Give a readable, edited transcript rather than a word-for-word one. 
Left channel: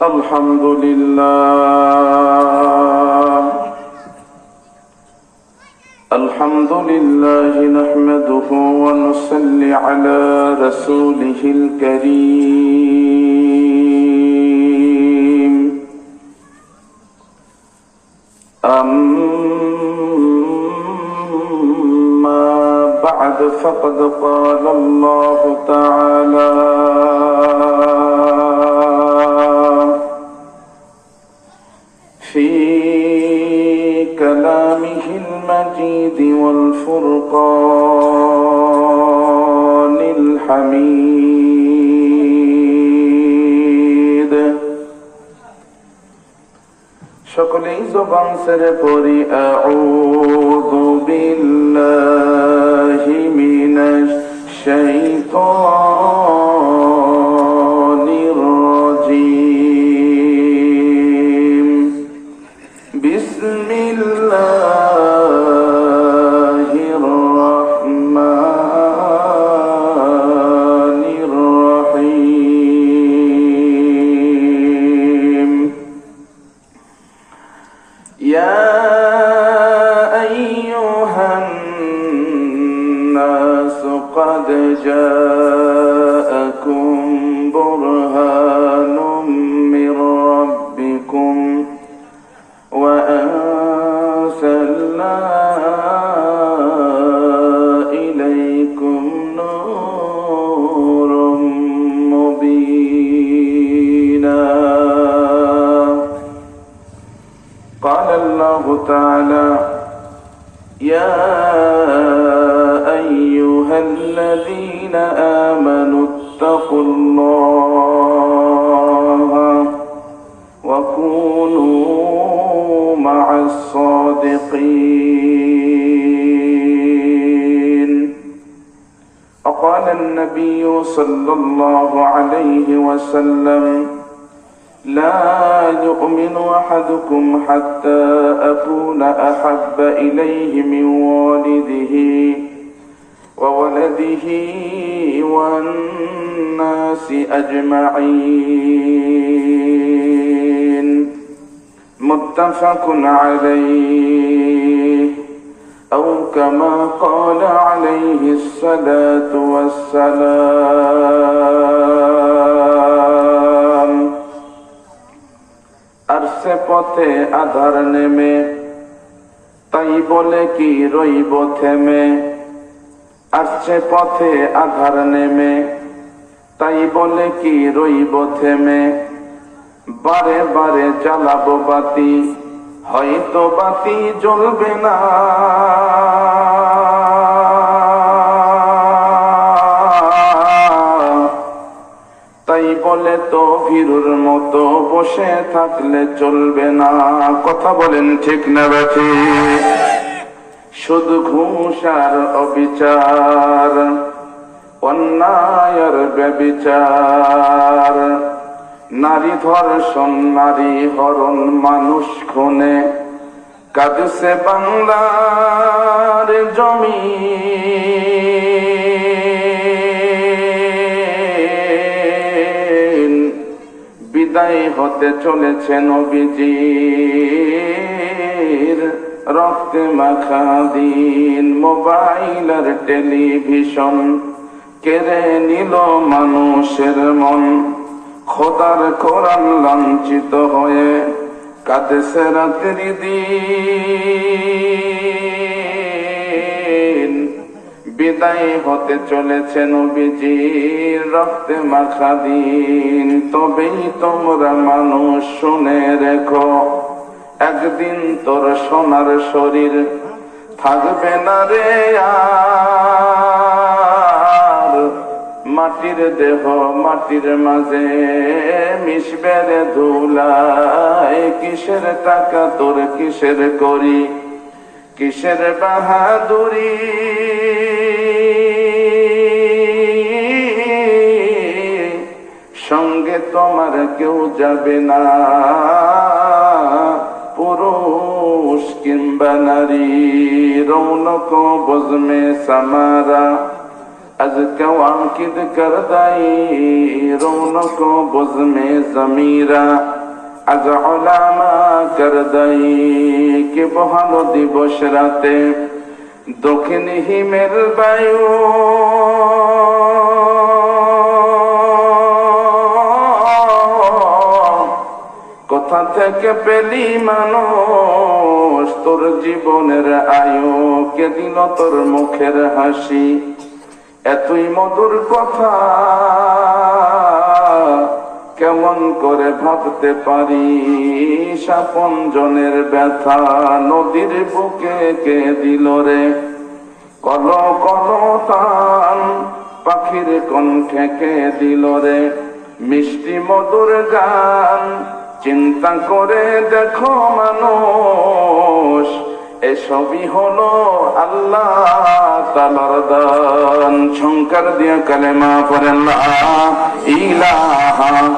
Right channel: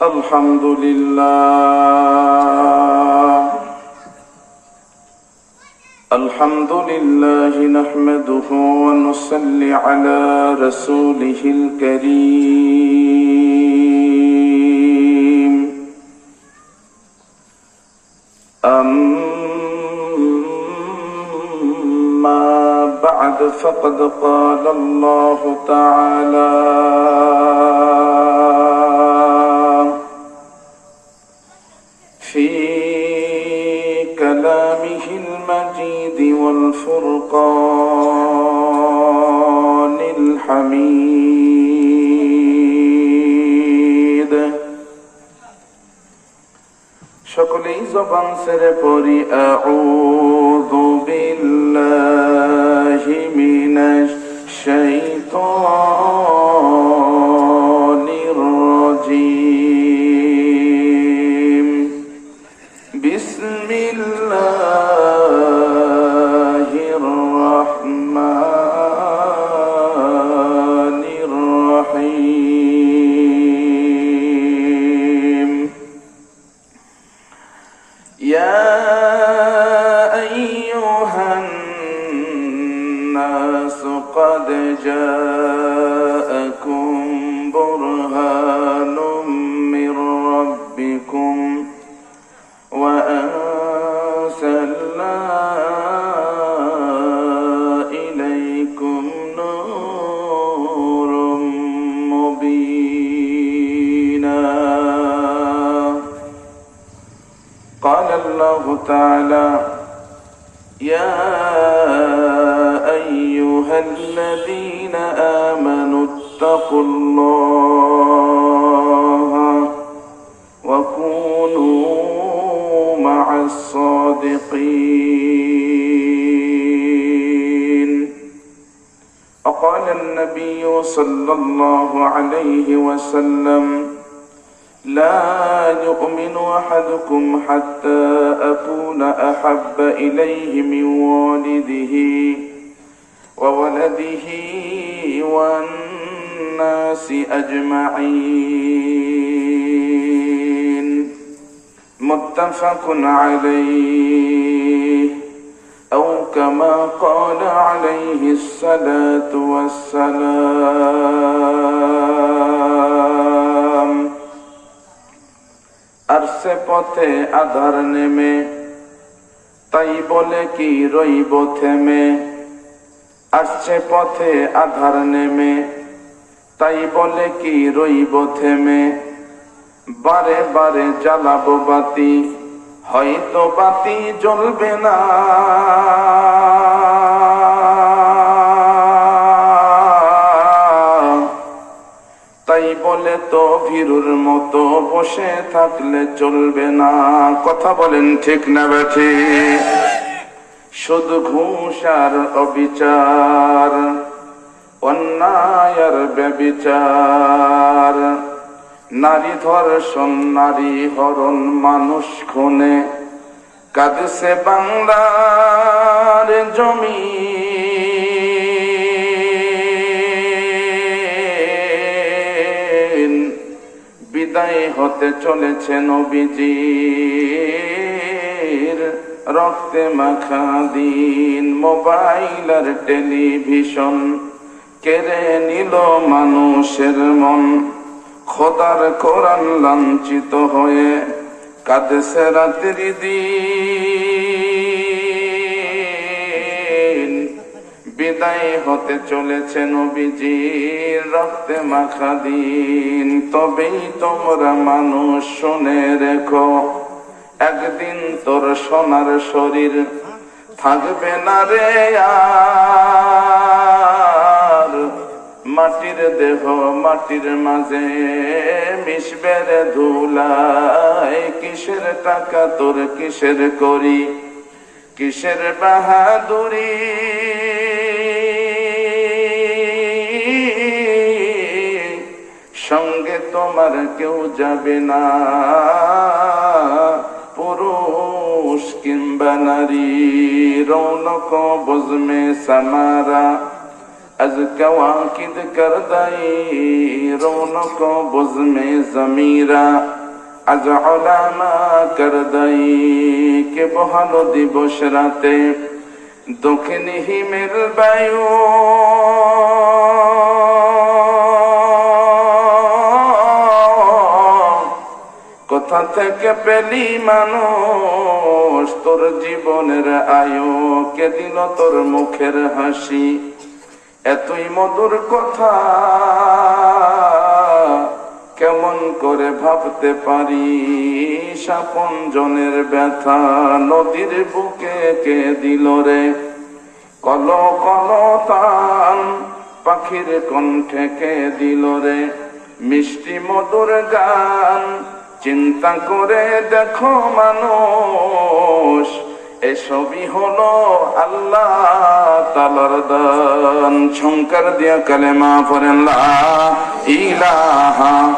الحمد لله نحمده ونصلي على رسوله الكريم أما بعد فقد قال الله تعالى في كلامه المجيد والفرقان الحميد সকলেই জবান ছেড়ে পড়ি আউযু বিল্লাহি মিনাশ শাইতানির রাজীম বিসমিল্লাহির রহমানির রহিম ইয়া আইয়ুহান নাস ক্বাদ জাআকুম বুরহানুম মির রাব্বিকুম ওয়া আনসালনা ইলাইকুম নূরুম মুবিনা قال الله تعالى يا أيها الذين آمنوا اتقوا الله وكونوا مع الصادقين وقال النبي صلى الله عليه وسلم لا يؤمن أحدكم حتى أكون أحب إليه من والده وولده والناس أجمعين متفق عليه أو كما قال عليه الصلاة والسلام আরশে পথে আধার নেমে তাই বলে কি রইব থেমে আরশে পথে আধার নেমে তাই বলে কি রইব থেমে বারে বারে জ্বালাবো বাতি হয়তো বাতি জ্বলবে না তাই বলে তো ভীরুর মতো বসে থাকলে চলবে না কথা বলেন ঠিক না বেঠিক শুধু ঘুষ আর অবিচার অন্যায় আর ব্যভিচার নারী ধর্ষণ নারী হরণ মানুষ খুনে কাঁদছে বাংলার জমি বিদায় হতে চলেছে নবীজির রক্তে মাখা দিন মোবাইল আর টেলিভিশন কেড়ে নিল মানুষের মন খোদার কোরআন লাঞ্ছিত হয়ে কাঁদেছে রাত্রি দিন বিদায় হতে চলেছে নবীজির রক্তে মাখা দিন তবেই তোমরা মানুষ শুনে রেখো একদিন তোর সোনার শরীর থাকবে না রে আর মাটির দেহ মাটির মাঝে মিশবে রে ধুলায় কিসের টাকা তোর কিসের করি কিসের বাহাদুরি সঙ্গে তোমার কেউ যাবে না পুরুষ কিংবা নারী রৌনক বজমে সামারা از کواکب کردائی رونق بز میں زمیرہ از علامہ کردائی کہ بہلو দিবস রাতে দক্ষিণ হিমেল বায়ু কোথা থেকে পেলি মানুষ তোর জীবনের আয়ু, কে দিল তোর মুখের হাসি, এতই মধুর কথা কেমন করে ভাবতে পারি, আপন জনের ব্যথা নদীর বুকে কে দিল রে, কল কল তান পাখির কণ্ঠে কে দিল রে, মিষ্টি মধুর গান চিন্তা করে দেখো মানুষ, এসবই হলো আল্লাহ তাআলার দান। ঝংকার দিয়া কালেমা পড়েন লা ইলাহা